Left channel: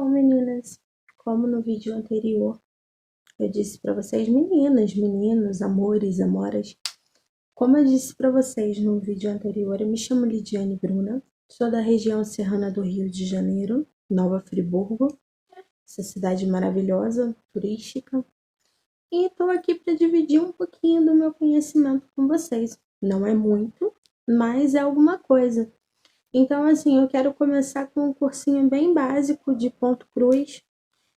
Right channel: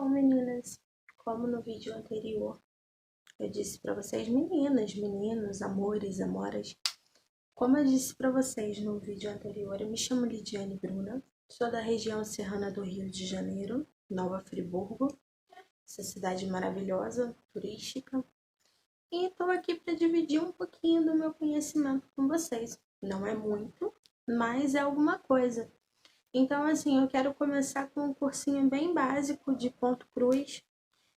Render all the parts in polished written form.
Bom, meninas, como no vídeo anterior eu disse para vocês, meninas, meninos, amores, amoras, como eu disse para vocês no vídeo anterior, eu me chamo Lidiane Bruna, sou da região serrana do Rio de Janeiro, Nova Friburgo, essa cidade maravilhosa, turística, e estou aqui para dividir um pouquinho do meu conhecimento com vocês. Não é muito, mas é alguma coisa. Então, assim, eu quero começar com um cursinho bem básico de ponto cruz.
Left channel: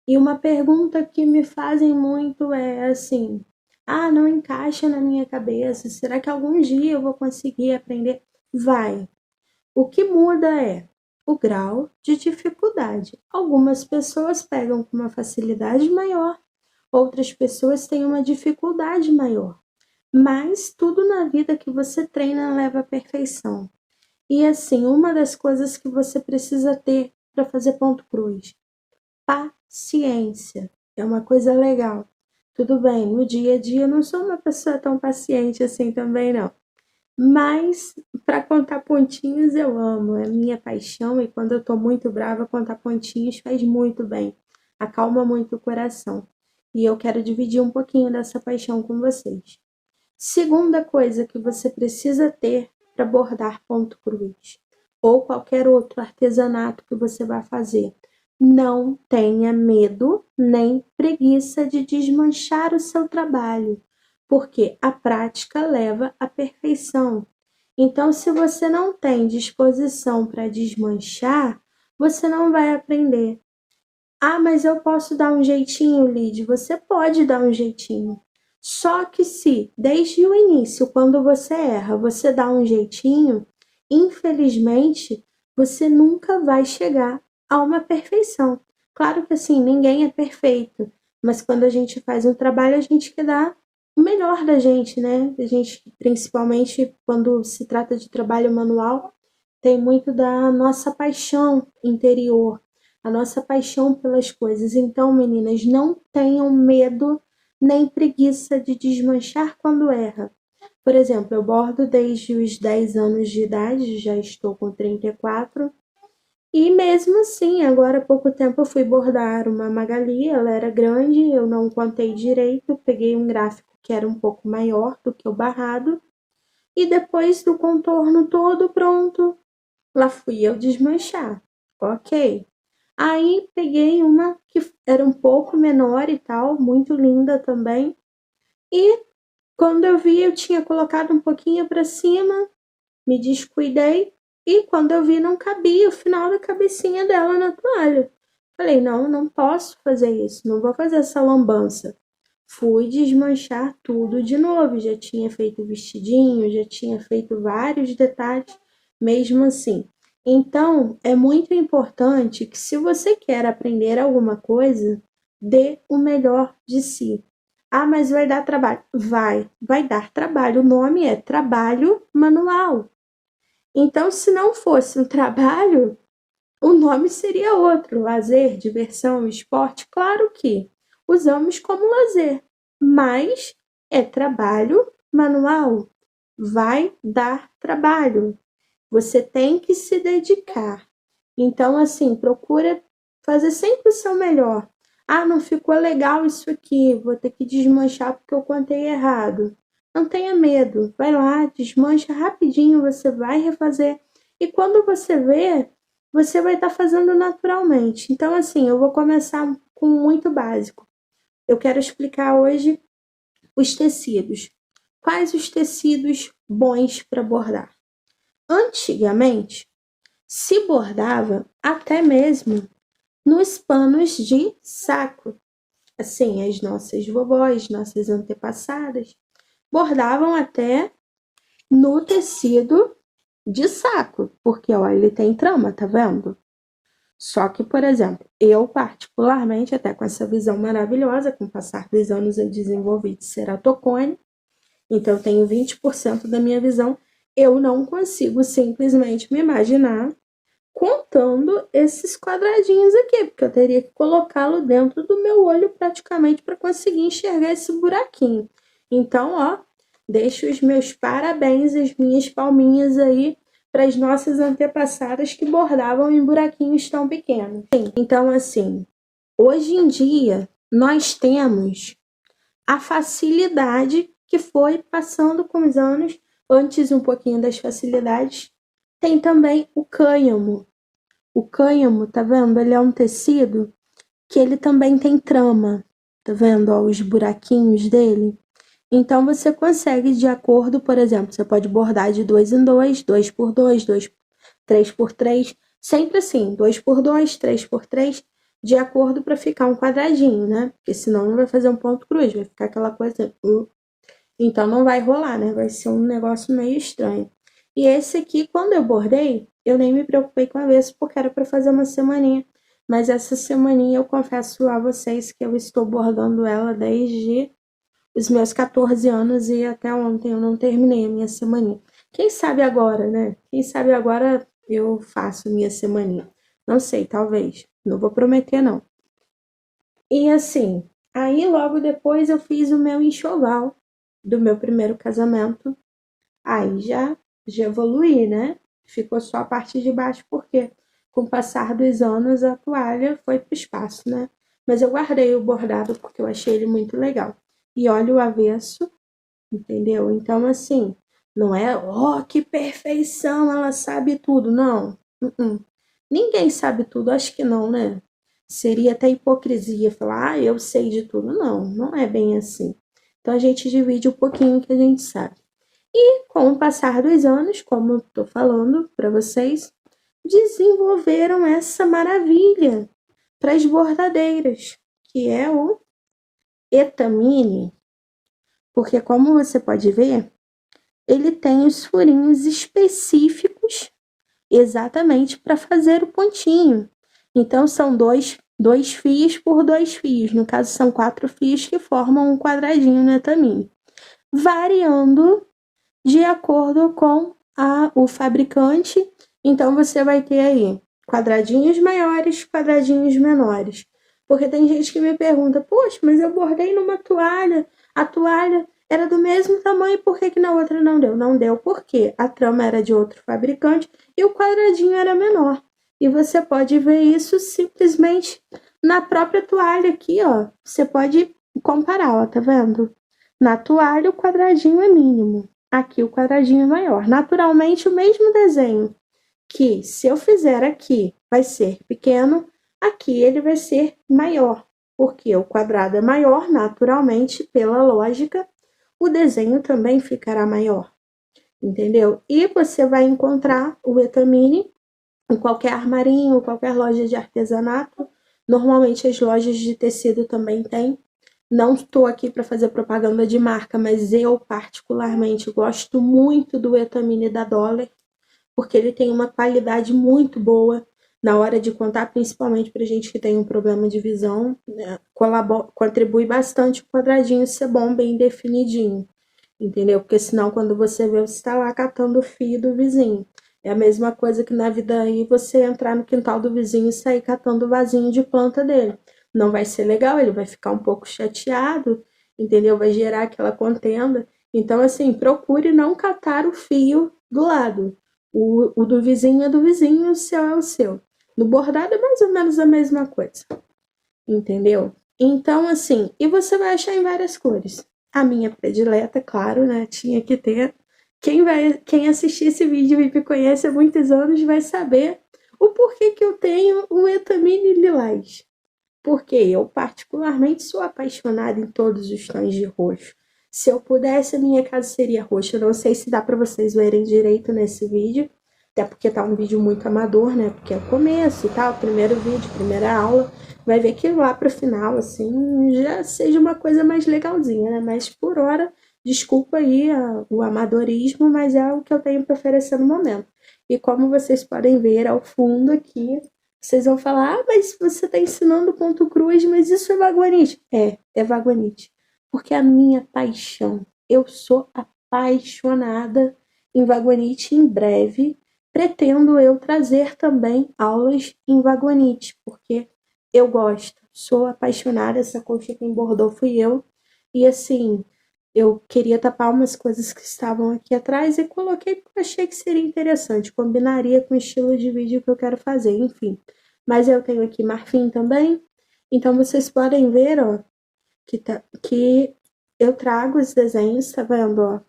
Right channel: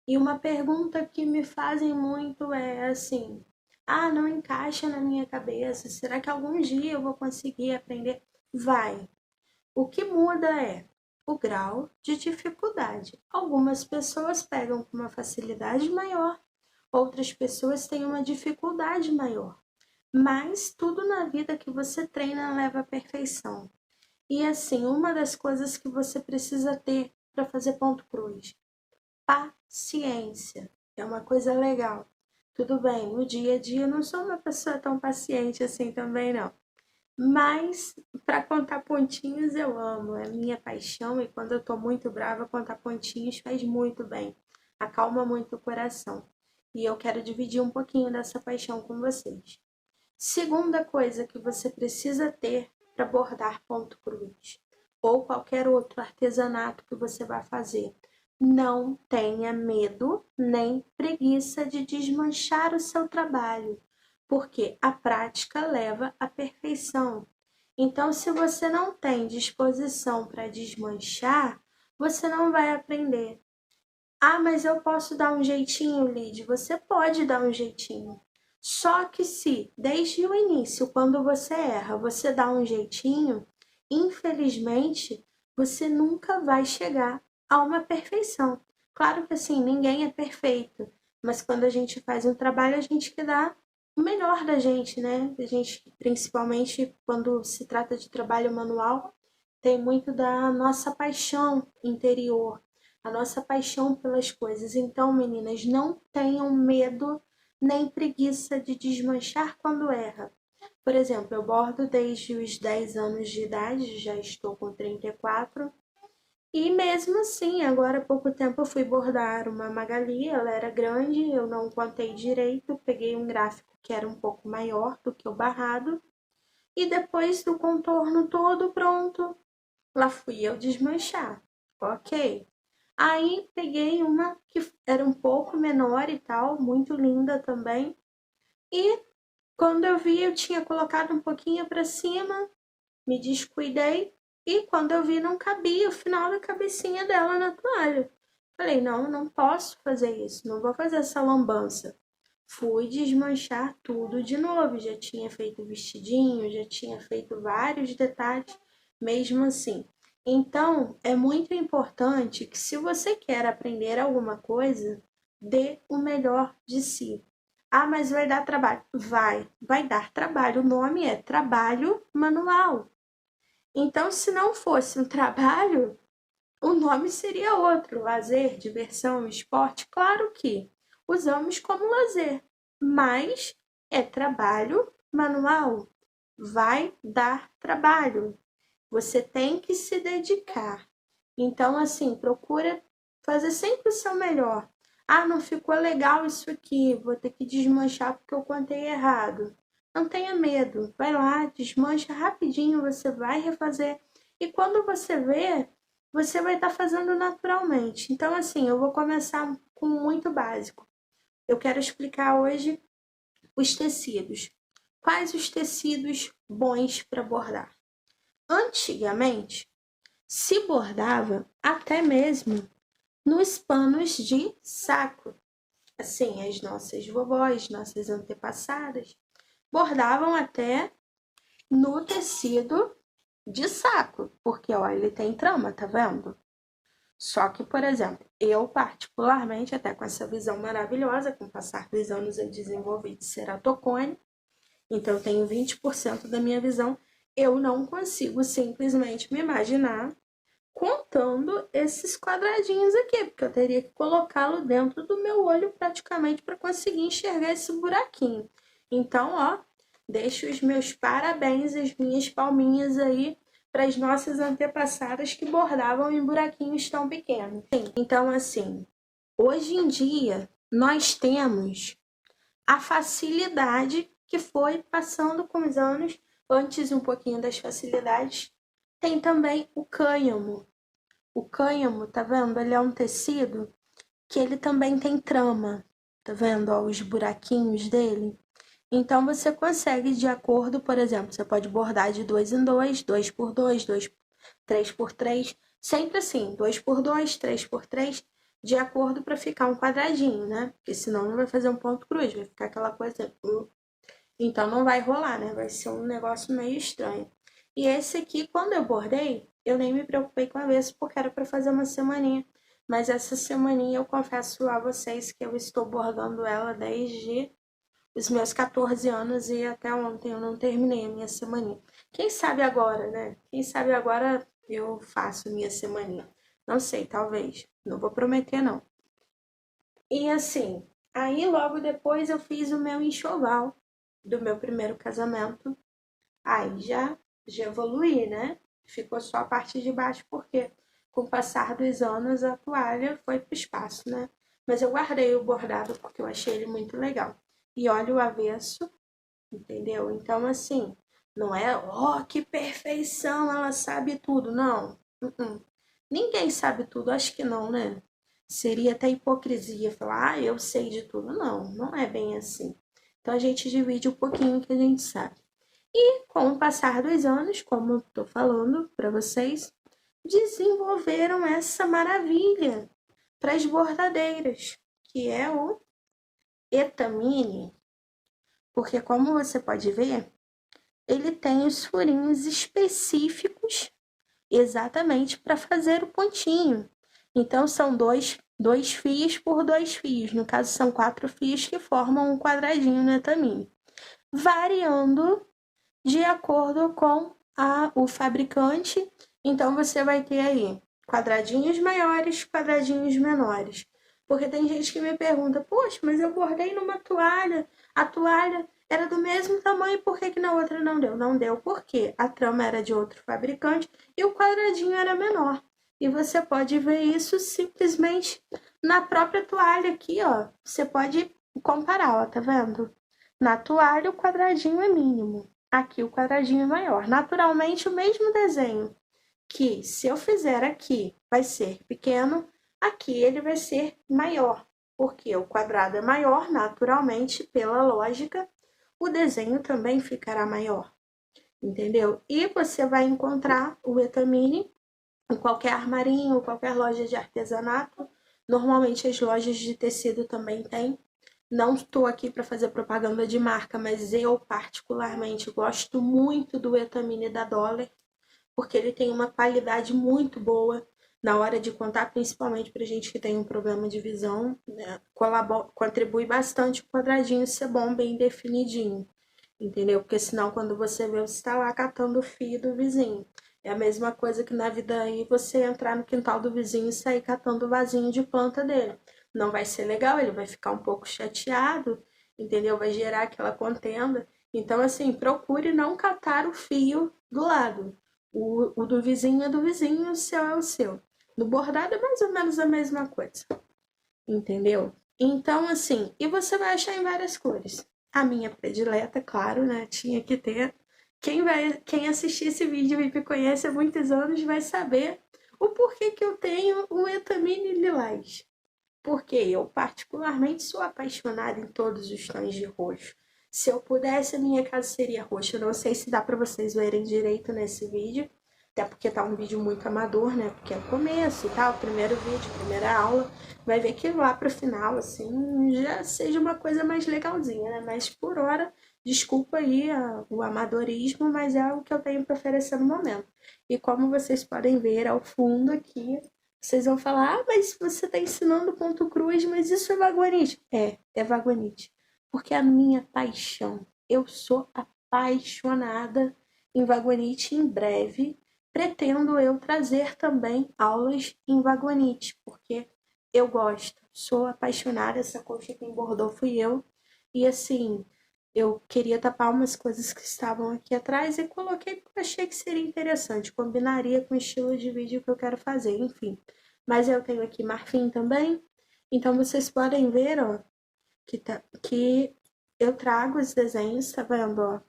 E uma pergunta que me fazem muito é assim: ah, não encaixa na minha cabeça, será que algum dia eu vou conseguir aprender? Vai. O que muda é o grau de dificuldade. Algumas pessoas pegam com uma facilidade maior, outras pessoas têm uma dificuldade maior. Mas tudo na vida que você treina leva à perfeição. E assim, uma das coisas que você precisa ter para fazer ponto cruz: paciência. É uma coisa legal. Tudo bem, no dia a dia eu não sou uma pessoa tão paciente assim também não. Mas para contar pontinhos eu amo, é minha paixão, e quando eu tô muito brava, contar pontinhos faz muito bem. Acalma muito o coração. E eu quero dividir um pouquinho dessa paixão com vocês. Segunda coisa que você precisa ter para bordar ponto cruz ou qualquer outro artesanato que você vai fazer: não tenha medo nem preguiça de desmanchar o seu trabalho, porque a prática leva à perfeição. Então, se você não tem disposição para desmanchar, você não vai aprender. Ah, mas eu posso dar um jeitinho, Lid? Você pode dar um jeitinho. Só que se, desde o início, quando você erra, você dá um jeitinho, infelizmente, você nunca vai chegar a uma perfeição. Claro que assim, ninguém é perfeito, mas quando a gente faz um trabalho, a gente quer dar o melhor da gente, né? A gente, principalmente quando se trata de trabalho manual, tem muito da nossa paixão interior, a nossa paixão pelas coisas. Então, meninas, não tenham medo nem preguiça de desmanchar quando erra. Por exemplo, eu bordo desde os 10 anos de idade, já estou com 34, e mesmo assim, agora há pouco tempo eu fui bordar uma Magali, ela era grande, eu não contei direito, peguei um gráfico que era um pouco maior do que o barrado, e depois do contorno todo pronto, lá fui eu desmanchar. Ok. Aí peguei uma que era um pouco menor e tal, muito linda também. E quando eu vi, eu tinha colocado um pouquinho para cima, me descuidei, e quando eu vi, não cabia o final da cabecinha dela na toalha. Falei, não, não posso fazer isso, não vou fazer essa lambança. Fui desmanchar tudo de novo, já tinha feito vestidinho, já tinha feito vários detalhes, mesmo assim. Então, é muito importante que, se você quer aprender alguma coisa, dê o melhor de si. Ah, mas vai dar trabalho. Vai dar trabalho. O nome é trabalho manual. Então, se não fosse um trabalho, o nome seria outro: lazer, diversão, esporte. Claro que usamos como lazer, mas é trabalho manual. Vai dar trabalho. Você tem que se dedicar. Então, assim, procura fazer sempre o seu melhor. Ah, não ficou legal isso aqui, vou ter que desmanchar porque eu contei errado. Não tenha medo, vai lá, desmancha rapidinho, você vai refazer. E quando você vê, você vai estar fazendo naturalmente. Então, assim, eu vou começar com muito básico. Eu quero explicar hoje os tecidos. Quais os tecidos bons para bordar? Antigamente, se bordava até mesmo nos panos de saco. Assim, as nossas vovós, nossas antepassadas, bordavam até no tecido de saco, porque olha, ele tem trama, tá vendo? Só que, por exemplo, eu particularmente, até com essa visão maravilhosa, com o passar dos anos eu desenvolvi de ceratocone, então eu tenho 20% da minha visão, eu não consigo simplesmente me imaginar contando esses quadradinhos aqui, porque eu teria que colocá-lo dentro do meu olho praticamente para conseguir enxergar esse buraquinho. Então, ó, deixo os meus parabéns, as minhas palminhas aí para as nossas antepassadas que bordavam em buraquinhos tão pequenos. Então, assim, hoje em dia, nós temos a facilidade que foi passando com os anos, antes um pouquinho das facilidades, tem também o cânhamo. O cânhamo, tá vendo? Ele é um tecido que ele também tem trama, tá vendo? Ó, os buraquinhos dele. Então, você consegue, de acordo, por exemplo, você pode bordar de 2 em 2, 2 por 2, 3 por 3, sempre assim, 2 por 2, 3 por 3, de acordo para ficar um quadradinho, né? Porque senão não vai fazer um ponto cruz, vai ficar aquela coisa. Então, não vai rolar, né? Vai ser um negócio meio estranho. E esse aqui, quando eu bordei, eu nem me preocupei com a avesso, porque era para fazer uma semaninha. Mas essa semaninha eu confesso a vocês que eu estou bordando ela desde os meus 14 anos e até ontem eu não terminei a minha semaninha. Quem sabe agora, né? Quem sabe agora eu faço minha semaninha. Não sei, talvez. Não vou prometer, não. E assim, aí logo depois eu fiz o meu enxoval do meu primeiro casamento. Aí já evoluí, né? Ficou só a parte de baixo, porque com o passar dos anos a toalha foi pro espaço, né? Mas eu guardei o bordado porque eu achei ele muito legal. E olha o avesso, entendeu? Então, assim, não é, ó, que perfeição, ela sabe tudo. Não. Ninguém sabe tudo, acho que não, né? Seria até hipocrisia falar, ah, eu sei de tudo. Não, não é bem assim. Então, a gente divide um pouquinho que a gente sabe. E com o passar dos anos, como eu tô falando para vocês, desenvolveram essa maravilha para as bordadeiras, que é o Etamine. Porque, como você pode ver, ele tem os furinhos específicos exatamente para fazer o pontinho. Então, são dois fios por 2 fios. No caso, são 4 fios que formam um quadradinho no Etamine. Variando de acordo com o fabricante. Então, você vai ter aí quadradinhos maiores, quadradinhos menores. Porque tem gente que me pergunta, poxa, mas eu bordei numa toalha, a toalha era do mesmo tamanho, por que na outra não deu? Não deu porque a trama era de outro fabricante e o quadradinho era menor. E você pode ver isso simplesmente na própria toalha aqui, ó. Você pode comparar, ó, tá vendo? Na toalha o quadradinho é mínimo, aqui o quadradinho é maior. Naturalmente o mesmo desenho que se eu fizer aqui vai ser pequeno, aqui ele vai ser maior, porque o quadrado é maior, naturalmente, pela lógica, o desenho também ficará maior, entendeu? E você vai encontrar o Etamine em qualquer armarinho, qualquer loja de artesanato. Normalmente as lojas de tecido também têm. Não estou aqui para fazer propaganda de marca, mas eu particularmente gosto muito do Etamine da Dollar, porque ele tem uma qualidade muito boa na hora de contar, principalmente para gente que tem um problema de visão, né? Contribui bastante o quadradinho ser bom, bem definidinho, entendeu? Porque senão quando você vê, você está lá catando o fio do vizinho. É a mesma coisa que na vida aí você entrar no quintal do vizinho e sair catando o vasinho de planta dele. Não vai ser legal, ele vai ficar um pouco chateado, entendeu? Vai gerar aquela contenda. Então, assim, procure não catar o fio do lado. O do vizinho é do vizinho, o seu é o seu. No bordado é mais ou menos a mesma coisa, entendeu? Então, assim, e você vai achar em várias cores. A minha predileta, claro, né? Tinha que ter. Quem assistir esse vídeo e me conhece há muitos anos vai saber o porquê que eu tenho o Etamine Lilás. Porque eu, particularmente, sou apaixonada em todos os tons de roxo. Se eu pudesse, a minha casa seria roxa. Eu não sei se dá para vocês verem direito nesse vídeo, até porque tá um vídeo muito amador, né? Porque é o começo e tal, primeiro vídeo, primeira aula. Vai ver que lá pro final, assim, já seja uma coisa mais legalzinha, né? Mas por hora, desculpa aí o amadorismo, mas é o que eu tenho para oferecer no momento. E como vocês podem ver ao fundo aqui, vocês vão falar, ah, mas você está ensinando ponto cruz, mas isso é vagonite. É vagonite. Porque é a minha paixão. Eu sou apaixonada em vagonite. Em breve pretendo eu trazer também aulas em vagonite, porque eu gosto. Sou apaixonada, essa coxa quem bordou fui eu. E assim, Eu queria tapar umas coisas que estavam aqui atrás e coloquei porque eu achei que seria interessante, combinaria com o estilo de vídeo que eu quero fazer, enfim. Mas eu tenho aqui marfim também, então vocês podem ver, ó, que eu trago os desenhos, tá vendo, ó?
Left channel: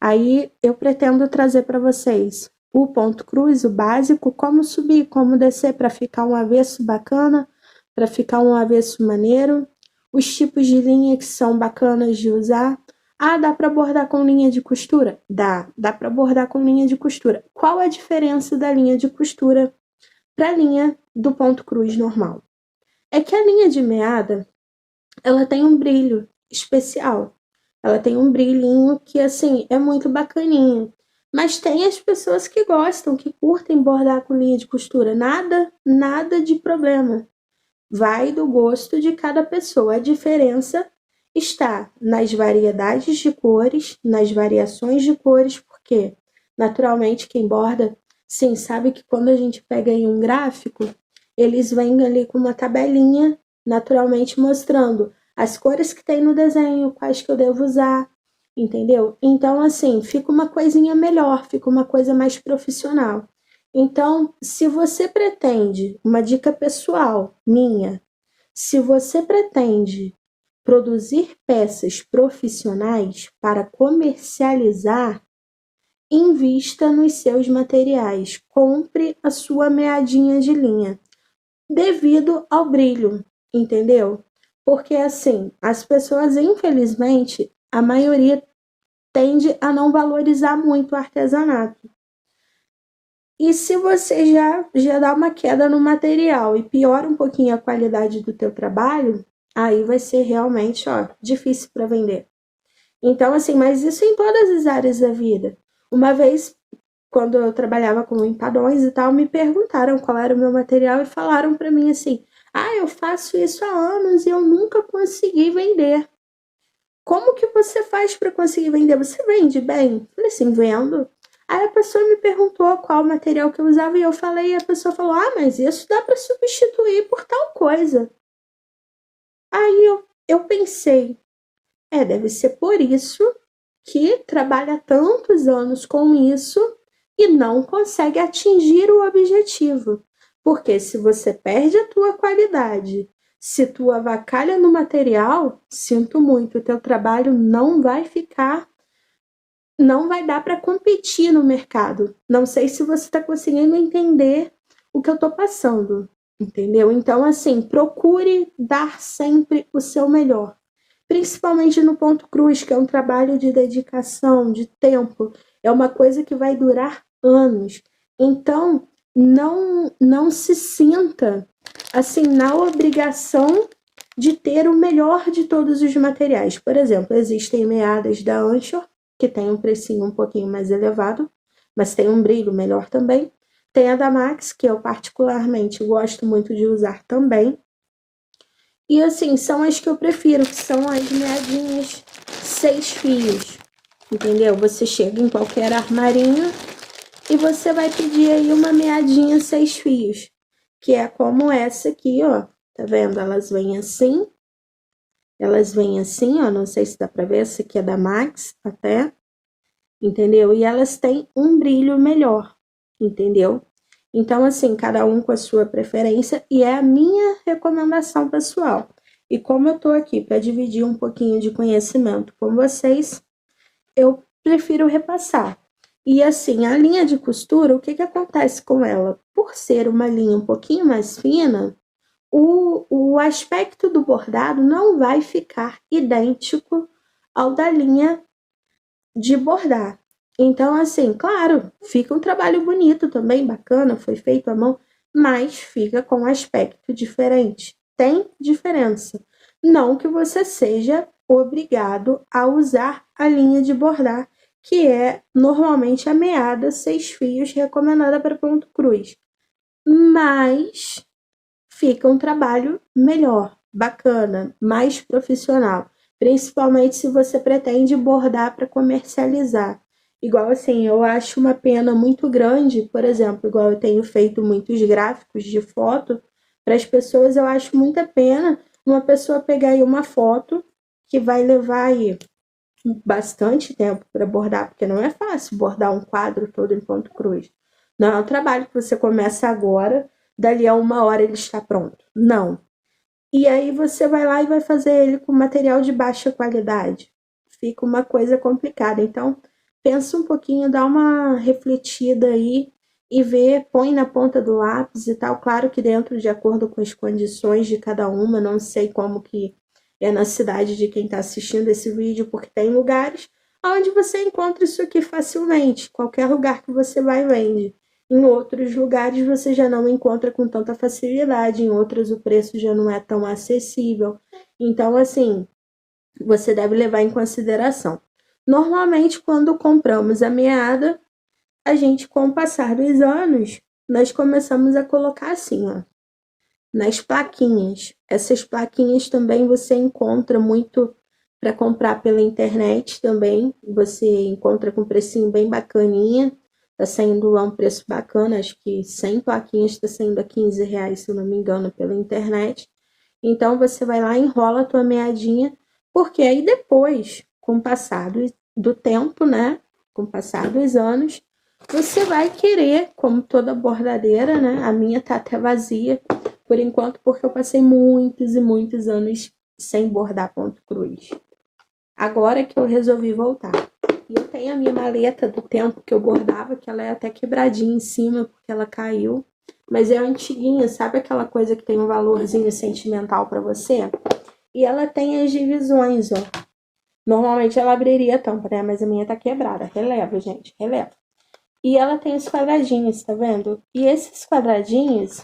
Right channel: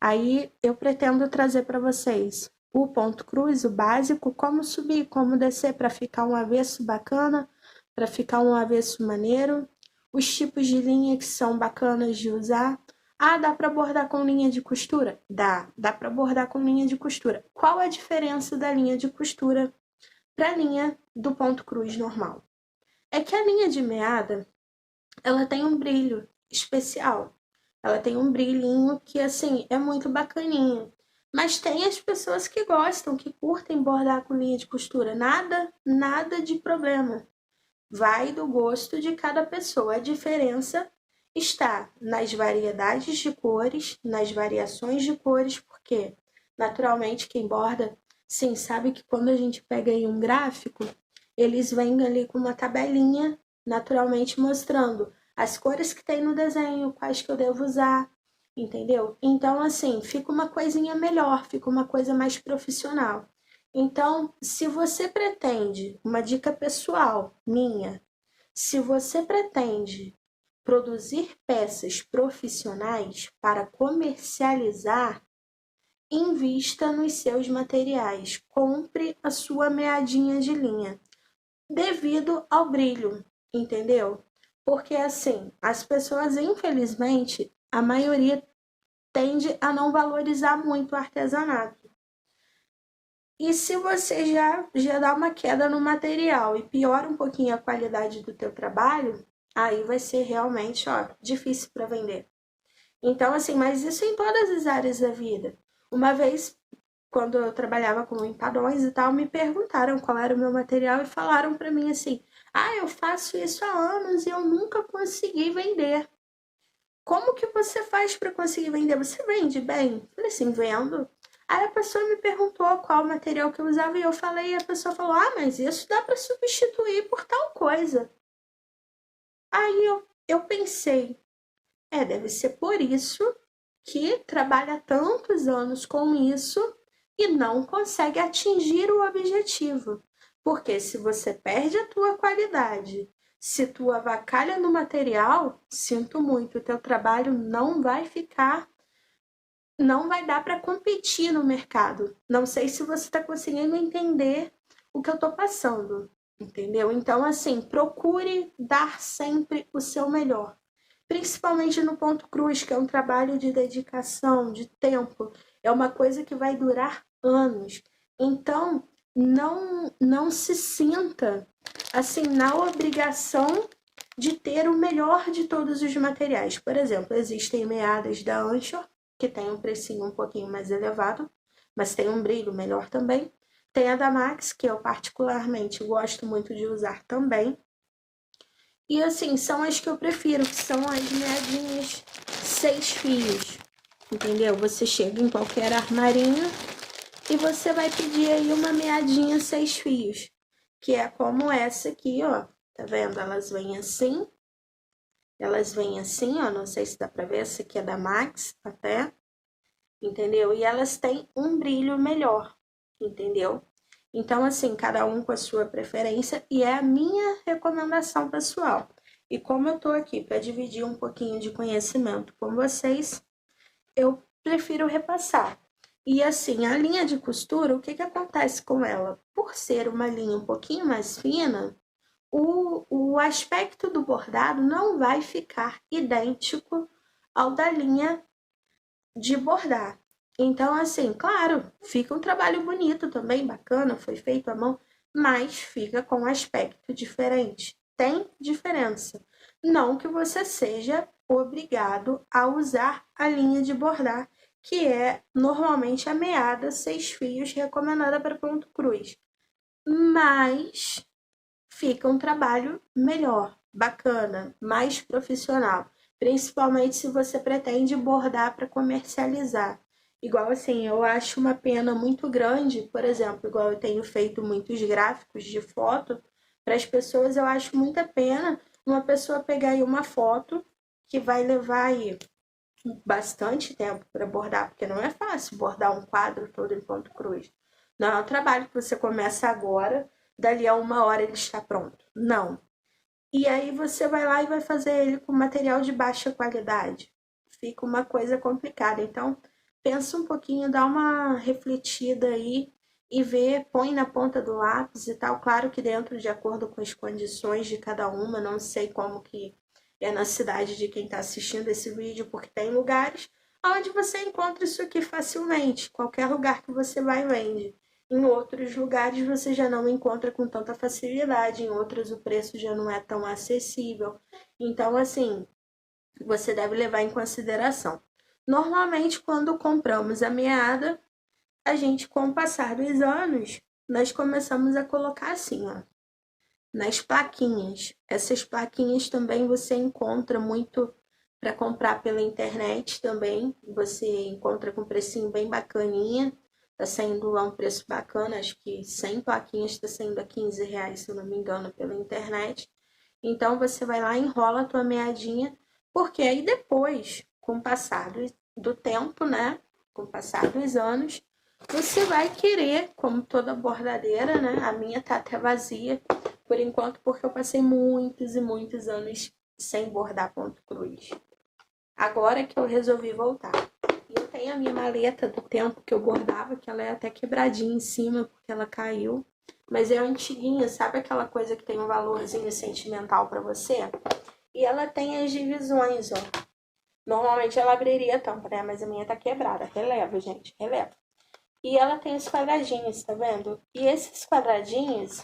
Aí eu pretendo trazer para vocês o ponto cruz, o básico, como subir, como descer para ficar um avesso bacana, para ficar um avesso maneiro, os tipos de linha que são bacanas de usar. Ah, dá para bordar com linha de costura? Dá para bordar com linha de costura. Qual a diferença da linha de costura para a linha do ponto cruz normal? É que a linha de meada, ela tem um brilho especial. Ela tem um brilhinho que, assim, é muito bacaninho. Mas tem as pessoas que gostam, que curtem bordar com linha de costura. Nada de problema. Vai do gosto de cada pessoa. A diferença está nas variedades de cores, nas variações de cores, porque, naturalmente, quem borda, sim, sabe que quando a gente pega em um gráfico, eles vêm ali com uma tabelinha, naturalmente mostrando as cores que tem no desenho, quais que eu devo usar, entendeu? Então, assim, fica uma coisinha melhor, fica uma coisa mais profissional. Então, se você pretende, uma dica pessoal minha, se você pretende produzir peças profissionais para comercializar, invista nos seus materiais, compre a sua meadinha de linha, devido ao brilho, entendeu? Porque assim, as pessoas, infelizmente, a maioria tende a não valorizar muito o artesanato. E se você já dá uma queda no material e piora um pouquinho a qualidade do teu trabalho, aí vai ser realmente, ó, difícil para vender. Então, assim, mas isso em todas as áreas da vida. Uma vez, quando eu trabalhava com empadões e tal, me perguntaram qual era o meu material e falaram para mim assim: "Ah, eu faço isso há anos e eu nunca consegui vender. Como que você faz para conseguir vender? Você vende bem?" Eu falei assim: "Vendo." Aí a pessoa me perguntou qual material que eu usava e eu falei, e a pessoa falou: "Ah, mas isso dá para substituir por tal coisa." Aí eu pensei, deve ser por isso que trabalha tantos anos com isso e não consegue atingir o objetivo. Porque se você perde a tua qualidade, se tu avacalha no material, sinto muito, o teu trabalho não vai ficar, não vai dar para competir no mercado. Não sei se você está conseguindo entender o que eu estou passando, entendeu? Então, assim, procure dar sempre o seu melhor, principalmente no ponto cruz, que é um trabalho de dedicação, de tempo, é uma coisa que vai durar anos. Então, não se sinta assim na obrigação de ter o melhor de todos os materiais. Por exemplo, existem meadas da Anchor, que tem um precinho um pouquinho mais elevado, mas tem um brilho melhor também. Tem a da Max, que eu particularmente gosto muito de usar também. E assim, são as que eu prefiro, que são as meadinhas 6 fios, entendeu? Você chega em qualquer armarinho e você vai pedir aí uma meadinha 6 fios, que é como essa aqui, ó. Tá vendo? Elas vêm assim, ó, não sei se dá pra ver, essa aqui é da Max até, entendeu? E elas têm um brilho melhor, entendeu? Então, assim, cada um com a sua preferência e é a minha recomendação pessoal. E como eu tô aqui para dividir um pouquinho de conhecimento com vocês, eu prefiro repassar. E assim, a linha de costura, o que que acontece com ela? Por ser uma linha um pouquinho mais fina, o aspecto do bordado não vai ficar idêntico ao da linha de bordar. Então, assim, claro, fica um trabalho bonito também, bacana, foi feito à mão, mas fica com um aspecto diferente. Tem diferença. Não que você seja obrigado a usar a linha de bordar, que é normalmente a meada 6 fios recomendada para ponto cruz. Mas fica um trabalho melhor, bacana, mais profissional, principalmente se você pretende bordar para comercializar. Igual assim, eu acho uma pena muito grande, por exemplo, igual eu tenho feito muitos gráficos de foto para as pessoas, eu acho muita pena uma pessoa pegar aí uma foto que vai levar aí bastante tempo para bordar, porque não é fácil bordar um quadro todo em ponto cruz. Não é um trabalho que você começa agora, dali a 1 hora ele está pronto. Não. E aí você vai lá e vai fazer ele com material de baixa qualidade. Fica uma coisa complicada. Então, pensa um pouquinho, dá uma refletida aí e vê, põe na ponta do lápis e tal. Claro que dentro de acordo com as condições de cada uma, não sei como que é na cidade de quem está assistindo esse vídeo, porque tem lugares onde você encontra isso aqui facilmente. Qualquer lugar que você vai vende. Em outros lugares você já não encontra com tanta facilidade, em outros o preço já não é tão acessível. Então, assim, você deve levar em consideração. Normalmente, quando compramos a meada, a gente, com o passar dos anos, nós começamos a colocar assim, ó, nas plaquinhas. Essas plaquinhas também você encontra muito para comprar pela internet também. Você encontra com um precinho bem bacaninha. Tá saindo lá um preço bacana, acho que 100 plaquinhas está saindo a R$ 15, se eu não me engano, pela internet. Então você vai lá, enrola a tua meadinha, porque aí depois, com o passar do tempo, né? Com o passar dos anos, você vai querer, como toda bordadeira, né? A minha tá até vazia, por enquanto, porque eu passei muitos e muitos anos sem bordar ponto cruz. Agora que eu resolvi voltar. E eu tenho a minha maleta do tempo que eu bordava, que ela é até quebradinha em cima, porque ela caiu. Mas é antiguinha, sabe aquela coisa que tem um valorzinho sentimental para você? E ela tem as divisões, ó. Normalmente ela abriria a tampa, né? Mas a minha tá quebrada. Releva, gente, releva. E ela tem os quadradinhos, tá vendo? E esses quadradinhos,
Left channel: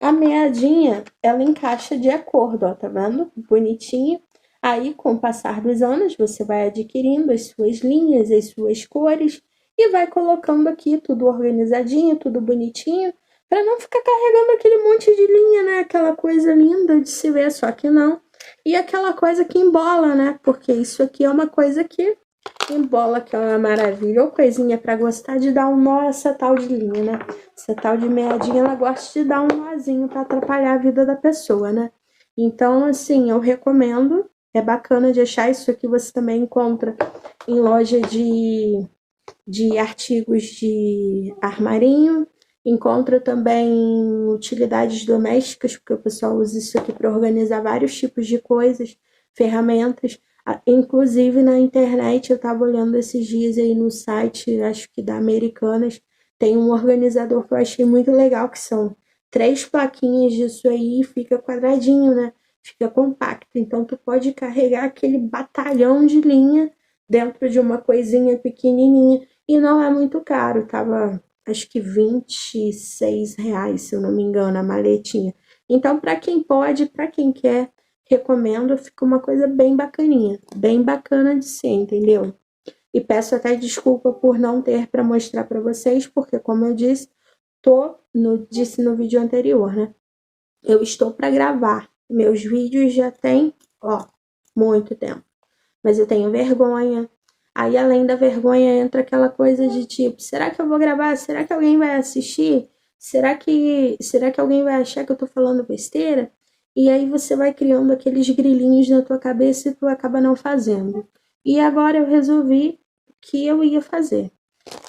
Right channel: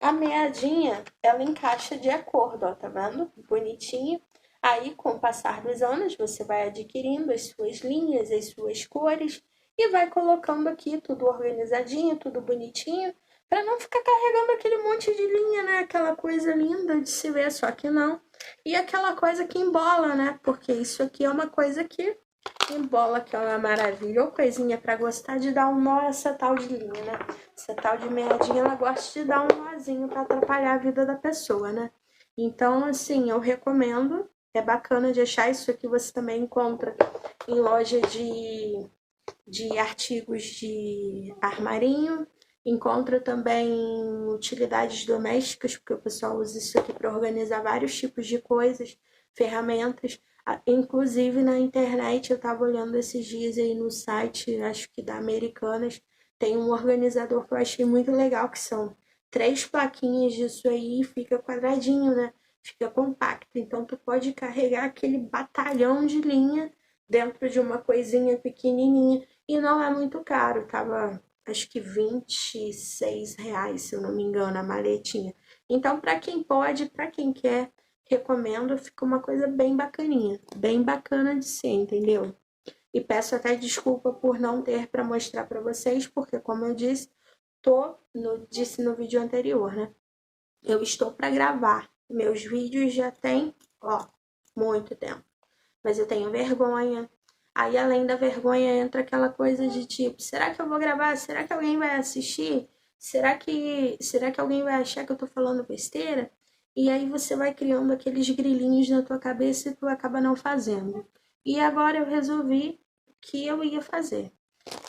a meadinha, ela encaixa de acordo, ó, tá vendo? Bonitinho. Aí, com o passar dos anos, você vai adquirindo as suas linhas, as suas cores e vai colocando aqui tudo organizadinho, tudo bonitinho, para não ficar carregando aquele monte de linha, né? Aquela coisa linda de se ver, só que não. E aquela coisa que embola, né? Porque isso aqui é uma coisa que embola, que é uma maravilha. Ou coisinha para gostar de dar um nó, essa tal de linha, né? Essa tal de meadinha, ela gosta de dar um nozinho para atrapalhar a vida da pessoa, né? Então, assim, eu recomendo. É bacana de achar. Isso aqui você também encontra em loja de artigos de armarinho. Encontra também utilidades domésticas, porque o pessoal usa isso aqui para organizar vários tipos de coisas, ferramentas. Inclusive na internet, eu estava olhando esses dias aí no site, acho que da Americanas, tem um organizador que eu achei muito legal, que são 3 plaquinhas disso aí e fica quadradinho, né? Fica compacto. Então, tu pode carregar aquele batalhão de linha dentro de uma coisinha pequenininha. E não é muito caro, tava acho que R$ 26, se eu não me engano, a maletinha. Então, para quem pode, para quem quer, recomendo, fica uma coisa bem bacaninha, bem bacana de ser, entendeu? E peço até desculpa por não ter para mostrar para vocês, porque como eu disse, disse no vídeo anterior, né? Eu estou para gravar. Meus vídeos já tem, ó, muito tempo. Mas eu tenho vergonha. Aí, além da vergonha, entra aquela coisa de tipo, será que eu vou gravar? Será que alguém vai assistir? Será que alguém vai achar que eu tô falando besteira? E aí você vai criando aqueles grilinhos na tua cabeça e tu acaba não fazendo. E agora eu resolvi que eu ia fazer,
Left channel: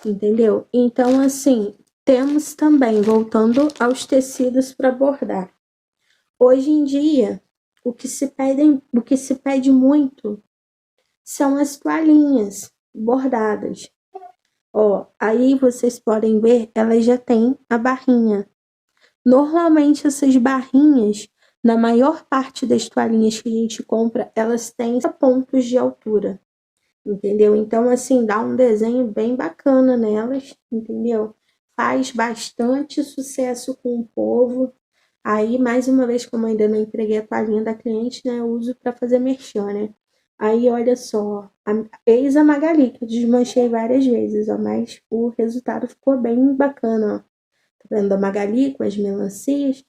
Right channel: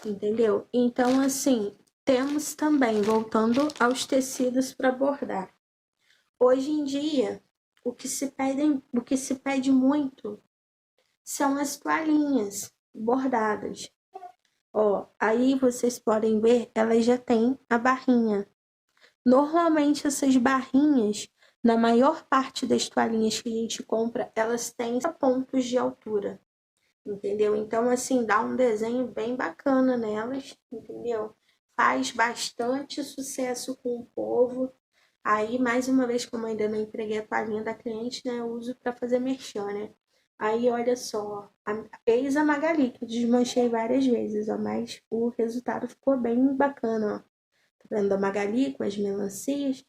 entendeu? Então, assim, temos também, voltando aos tecidos para bordar. Hoje em dia, o que se pede muito são as toalhinhas bordadas. Ó, aí vocês podem ver, elas já têm a barrinha. Normalmente essas barrinhas, na maior parte das toalhinhas que a gente compra, elas têm pontos de altura, entendeu? Então, assim, dá um desenho bem bacana nelas, entendeu? Faz bastante sucesso com o povo. Aí, mais uma vez, como eu ainda não entreguei a toalhinha da cliente, né, eu uso para fazer merchan, né? Aí, olha só, eis a Magali, que eu desmanchei várias vezes, ó, mas o resultado ficou bem bacana, ó. Tá vendo a Magali com as melancias?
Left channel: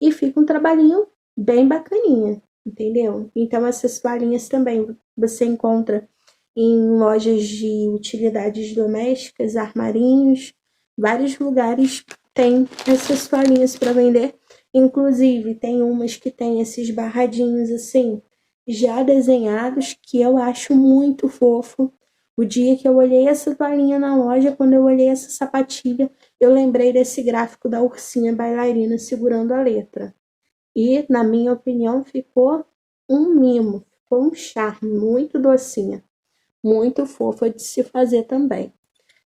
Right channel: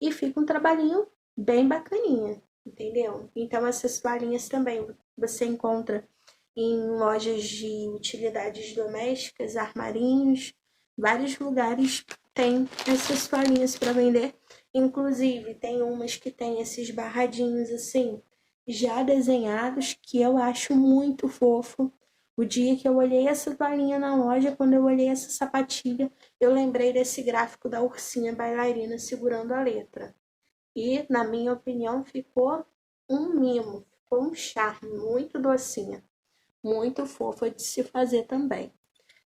E fica um trabalhinho bem bacaninha, entendeu? Então, essas toalhinhas também você encontra em lojas de utilidades domésticas, armarinhos, vários lugares tem essas toalhinhas para vender. Inclusive, tem umas que tem esses barradinhos assim, já desenhados que eu acho muito fofo. O dia que eu olhei essa toalhinha na loja, quando eu olhei essa sapatilha, eu lembrei desse gráfico da ursinha bailarina segurando a letra. E, na minha opinião, ficou um mimo, ficou um charme, muito docinha, muito fofa de se fazer também.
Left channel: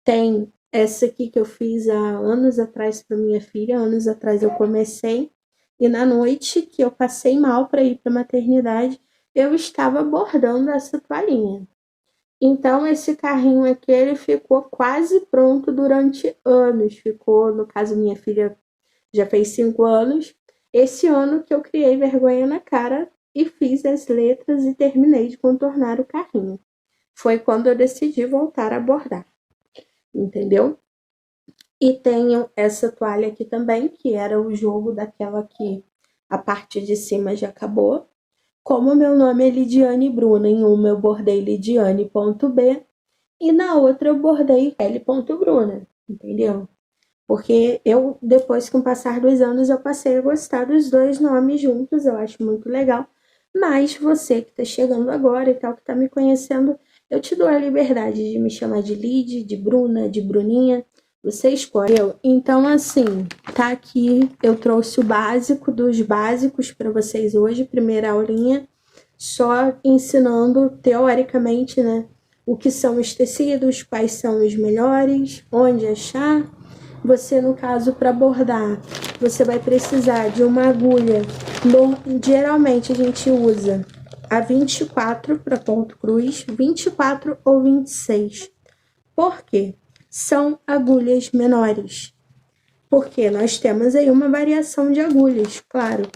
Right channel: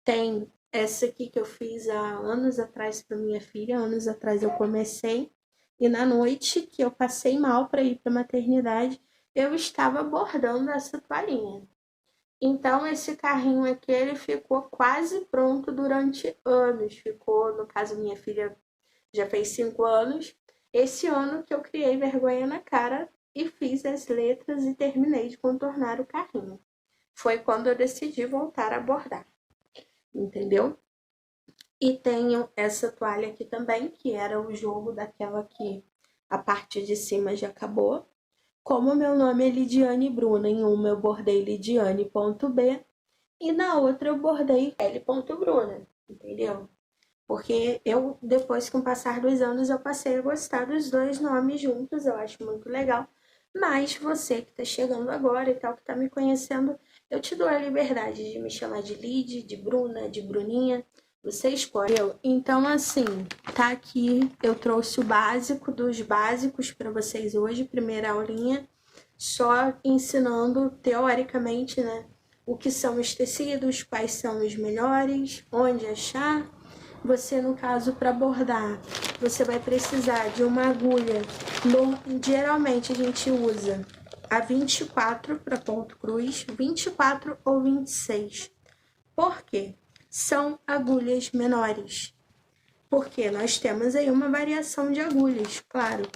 Tem essa aqui que eu fiz há anos atrás para minha filha, anos atrás eu comecei, e na noite que eu passei mal para ir para a maternidade, eu estava bordando essa toalhinha. Então, esse carrinho aqui, ele ficou quase pronto durante anos. Ficou, no caso, minha filha já fez 5 anos. Esse ano que eu criei vergonha na cara e fiz as letras e terminei de contornar o carrinho. Foi quando eu decidi voltar a bordar, entendeu? E tenho essa toalha aqui também, que era o jogo daquela que a parte de cima já acabou. Como meu nome é Lidiane Bruna, em uma eu bordei Lidiane.b e na outra eu bordei L.Bruna, entendeu? Porque eu, depois, com o passar dos anos, eu passei a gostar dos dois nomes juntos, eu acho muito legal. Mas você que está chegando agora e tal, que está me conhecendo, eu te dou a liberdade de me chamar de Lid, de Bruna, de Bruninha, você escolhe. Então, assim, tá aqui, eu trouxe o básico dos básicos para vocês hoje, primeira aulinha, só ensinando teoricamente, né, o que são os tecidos, quais são os melhores, onde achar. Você, no caso, para bordar, você vai precisar de uma agulha. Geralmente a gente usa a 24 para ponto cruz, 24 ou 26. Por quê? São agulhas menores. Porque nós temos aí uma variação de agulhas, claro.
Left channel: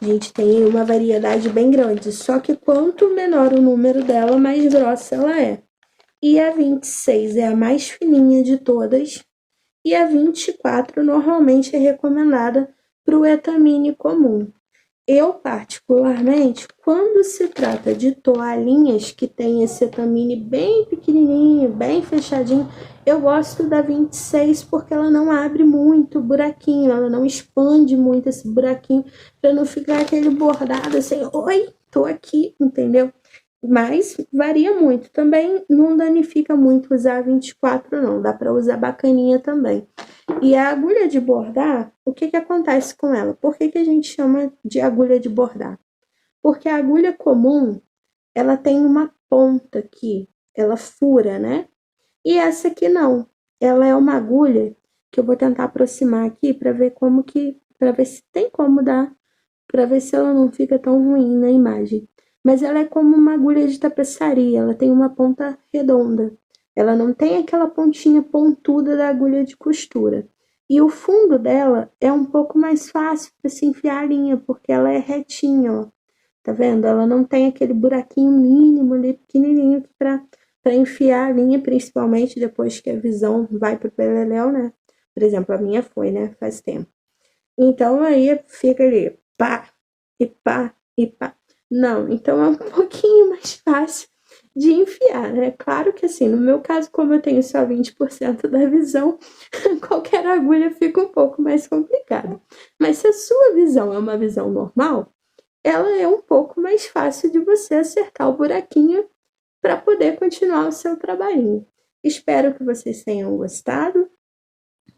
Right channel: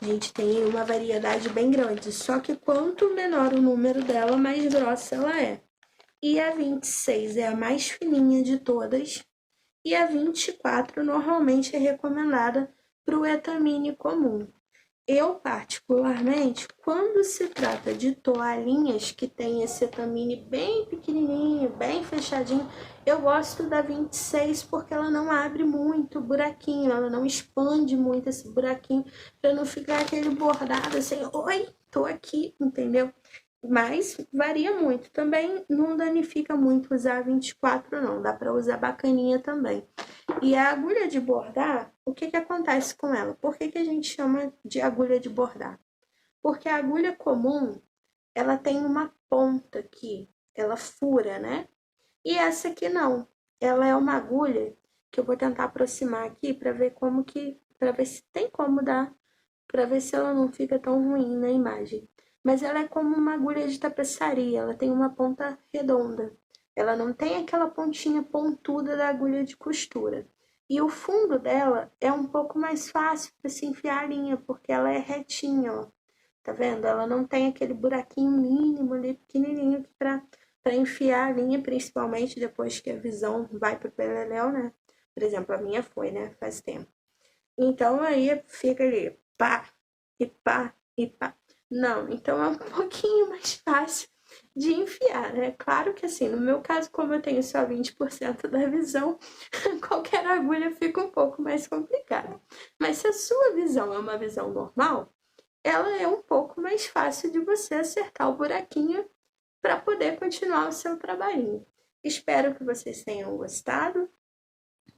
A gente tem uma variedade bem grande, só que quanto menor o número dela, mais grossa ela é. E a 26 é a mais fininha de todas, e a 24 normalmente é recomendada para o etamine comum. Eu, particularmente, quando se trata de toalhinhas que tem esse etamine bem pequenininho, bem fechadinho, eu gosto da 26 porque ela não abre muito o buraquinho, ela não expande muito esse buraquinho, para não ficar aquele bordado assim, oi, tô aqui, entendeu? Mas varia muito. Também não danifica muito usar 24, não. Dá para usar bacaninha também. E a agulha de bordar, o que que acontece com ela? Por que que a gente chama de agulha de bordar? Porque a agulha comum, ela tem uma ponta aqui, ela fura, né? E essa aqui não. Ela é uma agulha que eu vou tentar aproximar aqui para ver como que, para ver se tem como dar, para ver se ela não fica tão ruim na imagem. Mas ela é como uma agulha de tapeçaria, ela tem uma ponta redonda. Ela não tem aquela pontinha pontuda da agulha de costura. E o fundo dela é um pouco mais fácil para se enfiar a linha, porque ela é retinha, ó. Tá vendo? Ela não tem aquele buraquinho mínimo ali, pequenininho, para enfiar a linha, principalmente depois que a visão vai pro beleléu, né? Por exemplo, a minha foi, né? Faz tempo. Então, aí fica ali, pá, e pá, e pá. Não, então é um pouquinho mais fácil de enfiar, né? Claro que assim, no meu caso, como eu tenho só 20% da visão, qualquer agulha fica um pouco mais complicado. Mas se a sua visão é uma visão normal, ela é um pouco mais fácil de você acertar o buraquinho para poder continuar o seu trabalhinho. Espero que vocês tenham gostado.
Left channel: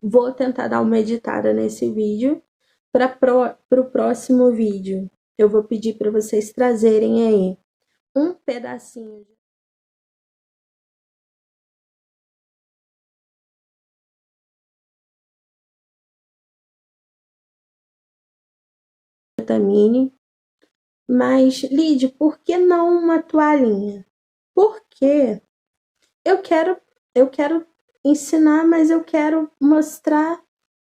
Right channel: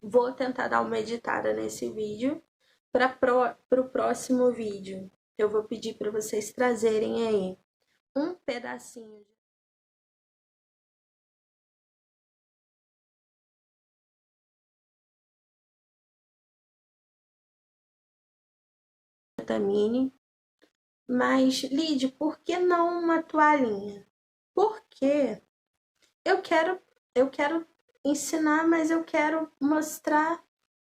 Vou tentar dar uma editada nesse vídeo. Para o próximo vídeo, eu vou pedir para vocês trazerem aí um pedacinho de vitamine. Mas, Lídia, por que não uma toalhinha? Porque eu quero ensinar, mas eu quero mostrar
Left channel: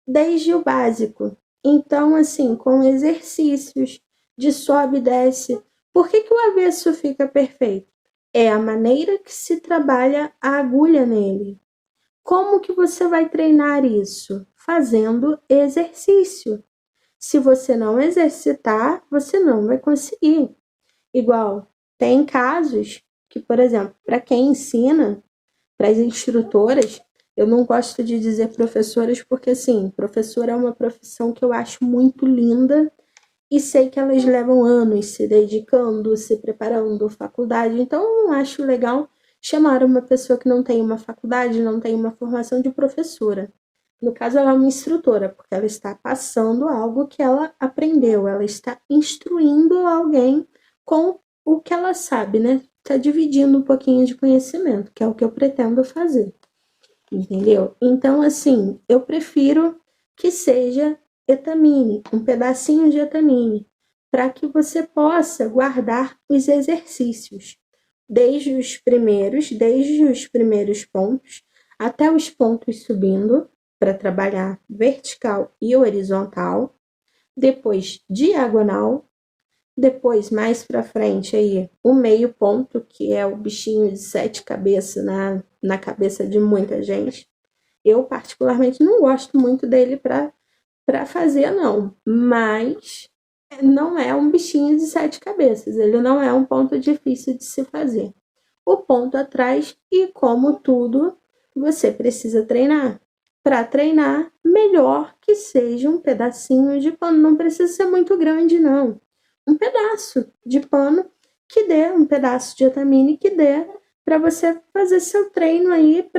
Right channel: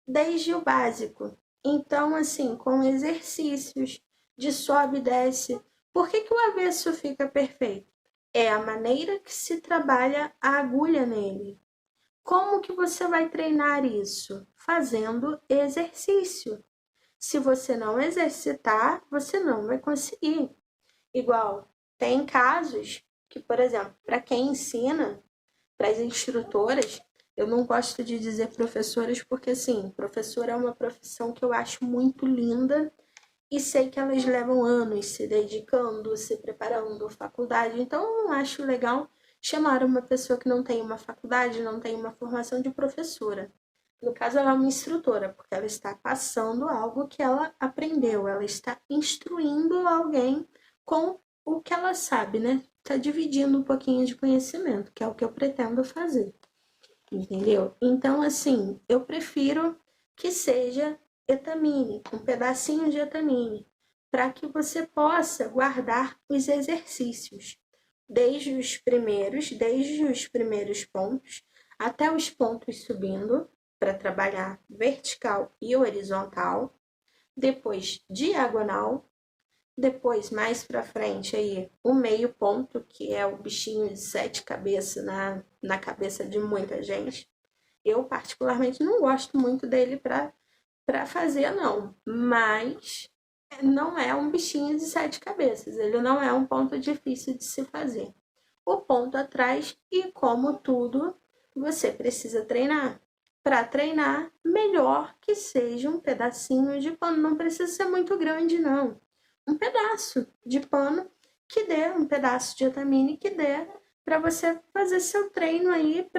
desde o básico. Então, assim, com exercícios de sobe e desce. Por que que o avesso fica perfeito? É a maneira que se trabalha a agulha nele. Como que você vai treinar isso? Fazendo exercício. Se você não exercitar, você não vai conseguir. Igual, tem casos que, por exemplo, para quem ensina, para as instrutoras, eu não gosto de dizer professoras porque, assim, professora é uma profissão que eu acho muito linda e sei que elas levam anos se dedicando, se preparando, faculdade. Então, eu não acho legal chamar uma pessoa que não tem uma faculdade, não tem uma formação de professora. No caso, ela é uma instrutora, porque ela está passando algo que ela aprendeu, ela está instruindo alguém com o que ela sabe, né? Está dividindo um pouquinho de conhecimento, que é o que eu pretendo fazer, entendeu? Então, assim, eu prefiro que seja etamine, um pedacinho de etamine, para que você possa guardar os exercícios, desde os primeiros pontos, até os pontos subindo, para trabalhar vertical e horizontal, depois diagonal, depois mais para frente aí o meio ponto, que é o bichinho de 7 cabeças na cabeça de muita gente. Eu particularmente não gosto muito dele para fazer não, mas não é um bichinho de 7 cabeças, ele não é um ponto difícil de se fazer. O ponto atrás, e como tudo, você precisa treinar. Para treinar, melhor que seja um pedacinho de pano, não precisa ser muito grande não. Um pedaço de pano que dê, um pedaço de etamine que dê para você fazer seu treino aí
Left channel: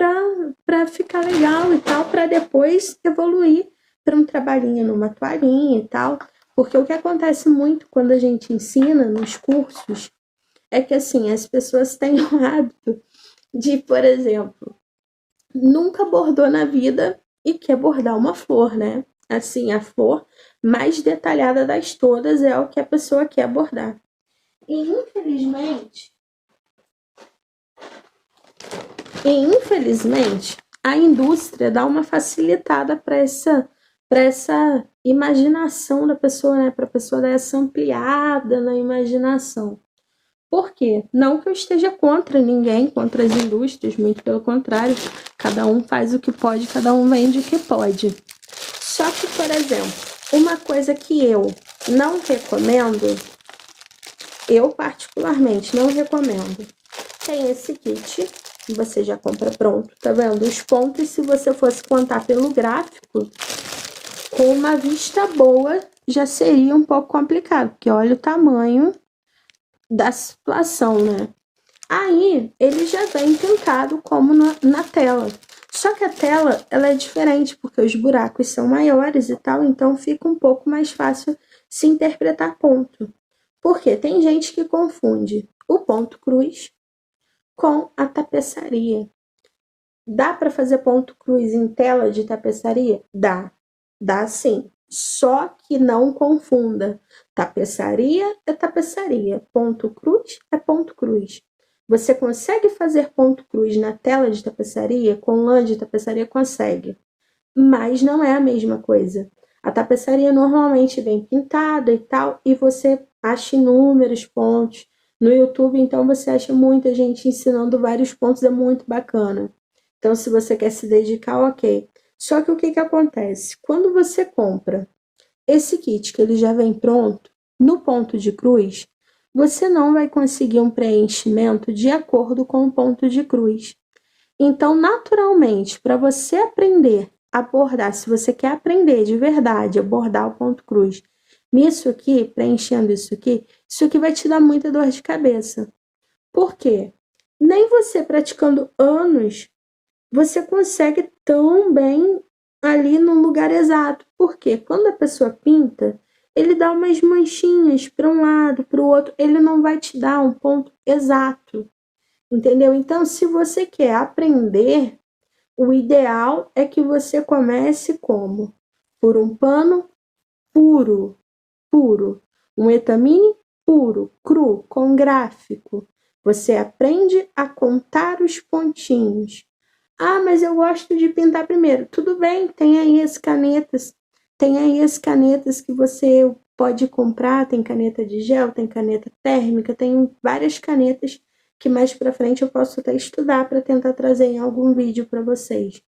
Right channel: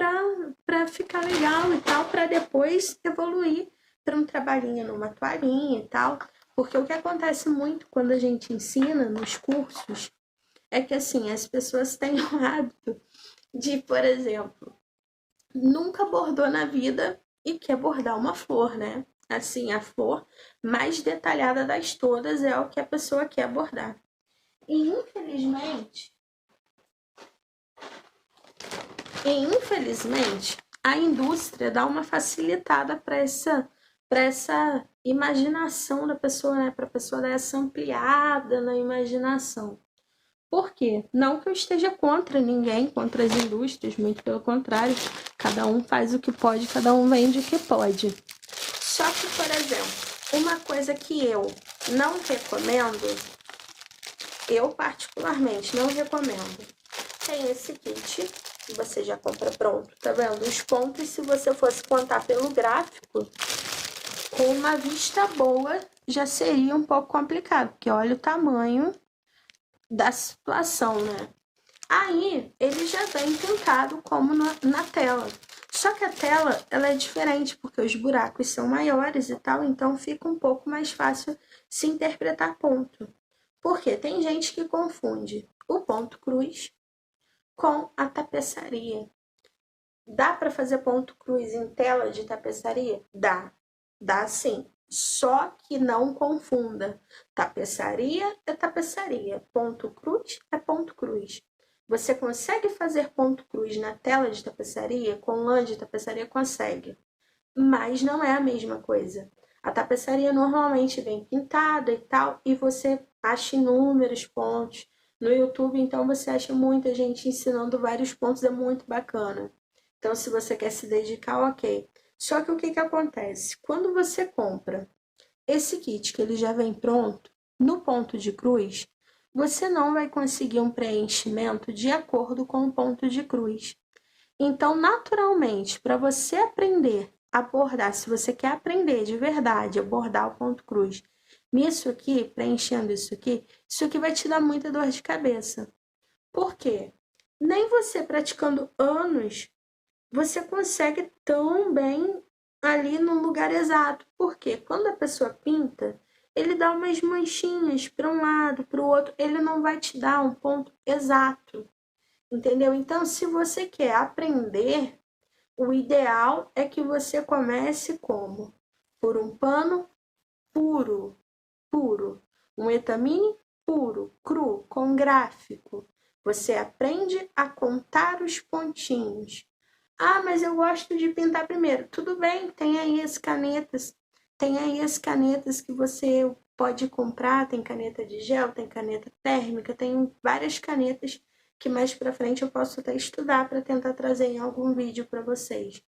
para ficar legal e tal, para depois evoluir para um trabalhinho numa toalhinha e tal. Porque o que acontece muito quando a gente ensina nos cursos é que assim, as pessoas têm o hábito de, por exemplo, nunca bordou na vida e quer bordar uma flor, né? Assim, a flor mais detalhada das todas é o que a pessoa quer bordar. E infelizmente, a indústria dá uma facilitada para essa imaginação da pessoa, né? Para a pessoa dar essa ampliada na imaginação. Por quê? Não que eu esteja contra ninguém, contra as indústrias, muito pelo contrário, cada um faz o que pode, cada um vende o que pode. Só que, por exemplo, uma coisa que eu não recomendo, eu particularmente não recomendo, tem esse kit, que você já compra pronto, tá vendo? Os pontos, se você fosse contar pelo gráfico, com uma vista boa, já seria um pouco complicado, porque olha o tamanho da situação, né? Aí, ele já vem pintado como na tela. Só que a tela, ela é diferente, porque os buracos são maiores e tal, então fica um pouco mais fácil se interpretar ponto. Porque tem gente que confunde o ponto cruz com a tapeçaria. Dá para fazer ponto cruz em tela de tapeçaria? Dá sim. Só que não confunda. Tapeçaria é tapeçaria, ponto cruz é ponto cruz. Você consegue fazer ponto cruz na tela de tapeçaria? Com lã de tapeçaria consegue, mas não é a mesma coisa. A tapeçaria normalmente vem pintada e tal, e você acha inúmeros pontos. No YouTube, então, você acha muita gente ensinando vários pontos, é muito bacana. Então, se você quer se dedicar, ok. Só que o que acontece? Quando você compra esse kit, que ele já vem pronto, no ponto de cruz, você não vai conseguir um preenchimento de acordo com o ponto de cruz. Então, naturalmente, para você aprender a bordar, se você quer aprender de verdade a bordar o ponto cruz, nisso aqui, preenchendo isso aqui vai te dar muita dor de cabeça. Por quê? Nem você praticando anos, você consegue tão bem ali no lugar exato. Porque quando a pessoa pinta, ele dá umas manchinhas para um lado, para o outro, ele não vai te dar um ponto exato. Entendeu? Então, se você quer aprender, o ideal é que você comece como? Por um pano puro, puro. Um etamine puro, cru, com gráfico. Você aprende a contar os pontinhos. Ah, mas eu gosto de pintar primeiro. Tudo bem, tem aí as canetas. Tem aí as canetas que você pode comprar. Tem caneta de gel, tem caneta térmica, tem várias canetas que mais para frente eu posso até estudar para tentar trazer em algum vídeo para vocês.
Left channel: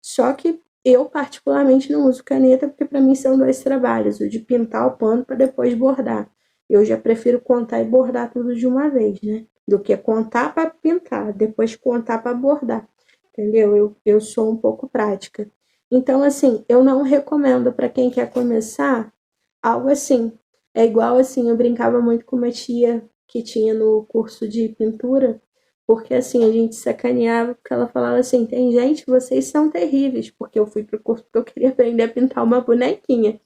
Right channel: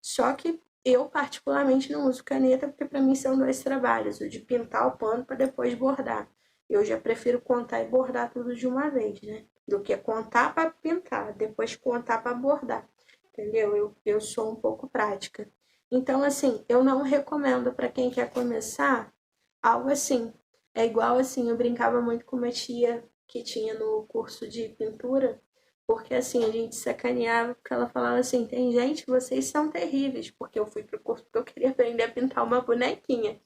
Só que eu particularmente não uso caneta porque para mim são dois trabalhos, o de pintar o pano para depois bordar. Eu já prefiro contar e bordar tudo de uma vez, né? Do que contar para pintar, depois contar para bordar. Entendeu? Eu sou um pouco prática. Então, assim, eu não recomendo para quem quer começar algo assim. É igual assim, eu brincava muito com uma tia que tinha no curso de pintura, porque assim, a gente sacaneava, porque ela falava assim, tem gente, vocês são terríveis, porque eu fui pro curso porque eu queria aprender a pintar uma bonequinha,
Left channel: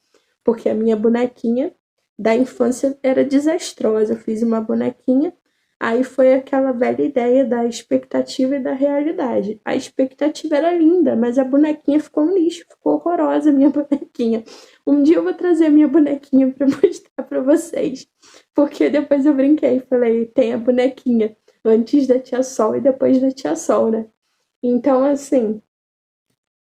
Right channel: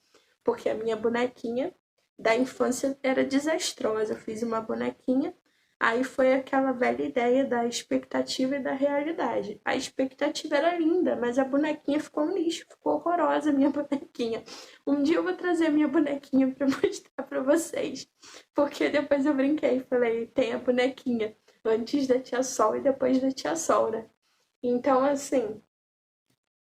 porque a minha bonequinha da infância era desastrosa. Eu fiz uma bonequinha, aí foi aquela velha ideia da expectativa e da realidade. A expectativa era linda, mas a bonequinha ficou um lixo, ficou horrorosa a minha bonequinha. Um dia eu vou trazer a minha bonequinha para mostrar para vocês, porque depois eu brinquei, falei, tem a bonequinha antes da Tia Sol e depois da Tia Sol, né? Então, assim,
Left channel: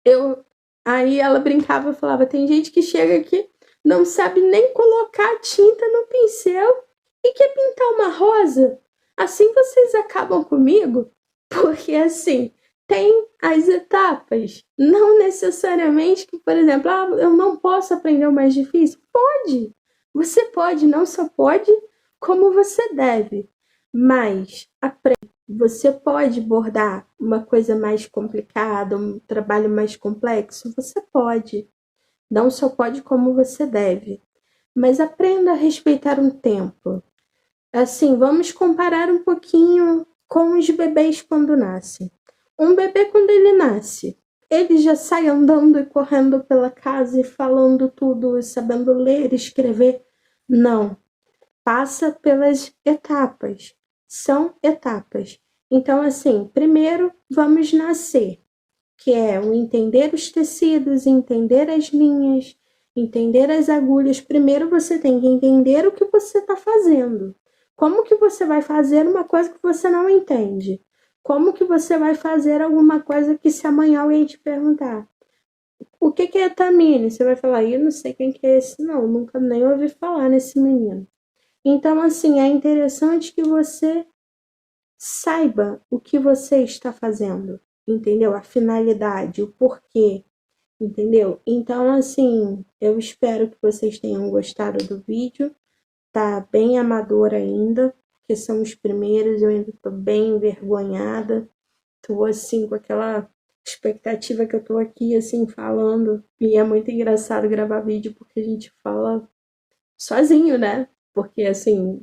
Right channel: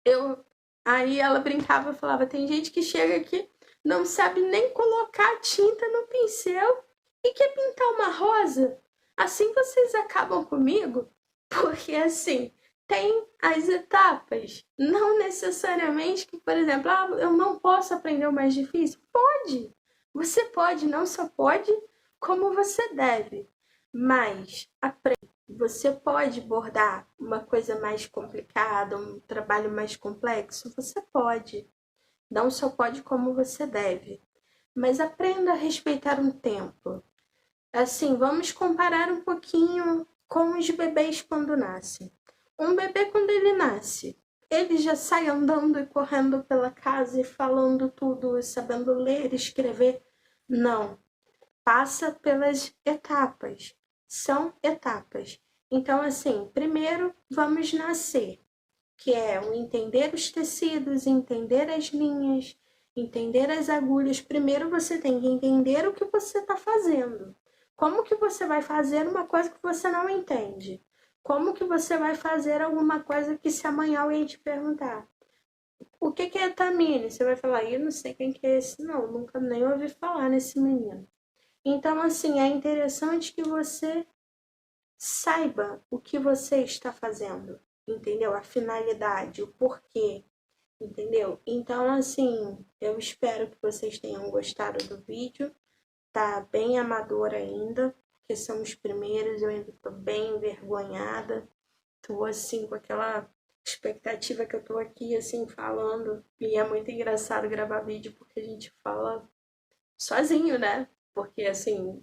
eu aí ela brincava e falava, tem gente que chega aqui, não sabe nem colocar tinta no pincel e quer pintar uma rosa. Assim vocês acabam comigo, porque assim, tem as etapas. Não necessariamente que, por exemplo, eu não posso aprender o mais difícil. Pode. Você pode, não só pode, como você deve. Mas você pode bordar uma coisa mais complicada, um trabalho mais complexo? Você pode. Não só pode como você deve. Mas aprenda a respeitar um tempo. Assim, vamos comparar um pouquinho com os bebês quando nascem. Um bebê, quando ele nasce, ele já sai andando e correndo pela casa e falando tudo, e sabendo ler e escrever? Não. Passa pelas etapas. São etapas. Então, assim, primeiro vamos nascer, que é o entender os tecidos, entender as linhas, entender as agulhas. Primeiro você tem que entender o que você está fazendo. Como que você vai fazer uma coisa que você não entende? Como que você vai fazer alguma coisa que se amanhã alguém te perguntar? O que é Tamine? Você vai falar, eu não sei quem que é esse, não, nunca nem ouvi falar nesse menino. Então, assim, é interessante que você saiba o que você está fazendo, entendeu? A finalidade, o porquê, entendeu? Então, assim, eu espero que vocês tenham gostado do vídeo. Tá bem amador ainda, porque são os primeiros, eu ainda tô bem envergonhada. Tô, assim, com aquela expectativa que eu tô aqui, assim, falando. E é muito engraçado gravar vídeo, porque a gente fala sozinho, né? Porque, assim,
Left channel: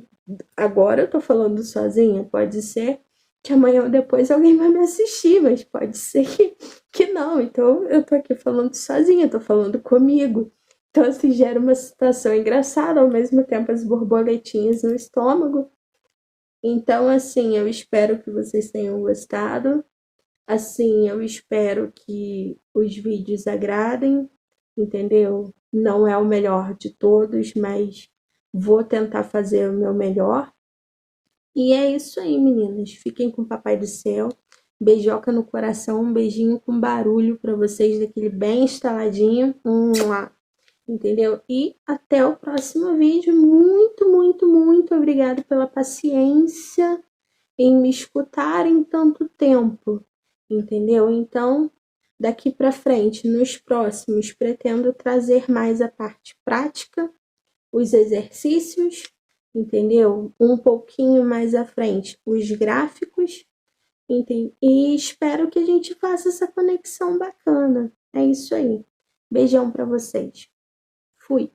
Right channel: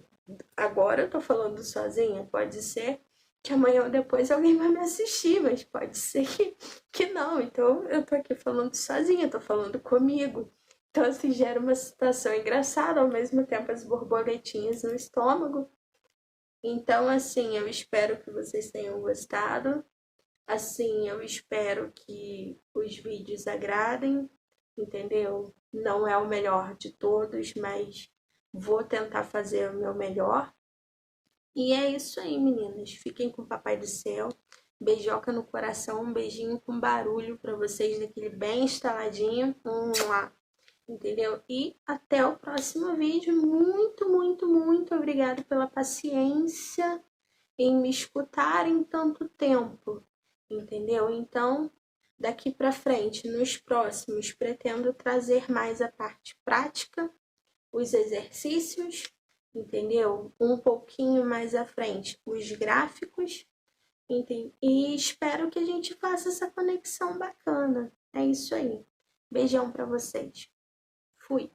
agora eu tô falando sozinha, pode ser que amanhã ou depois alguém vai me assistir, mas pode ser que não. Então eu tô aqui falando sozinha, tô falando comigo. Então, assim, gera uma situação engraçada, ao mesmo tempo as borboletinhas no estômago. Então, assim, eu espero que vocês tenham gostado. Assim, eu espero que os vídeos agradem, entendeu? Não é o melhor de todos, mas vou tentar fazer o meu melhor. E é isso aí, meninas. Fiquem com o Papai do Céu. Beijoca no coração, um beijinho com barulho para vocês, daquele bem instaladinho. Entendeu? E até o próximo vídeo. Muito, muito, muito obrigada pela paciência em me escutarem tanto tempo. Entendeu? Então, daqui para frente, nos próximos, pretendo trazer mais a parte prática, os exercícios, entendeu? Um pouquinho mais à frente, os gráficos, entende? E espero que a gente faça essa conexão bacana. É isso aí. Beijão para vocês. Fui.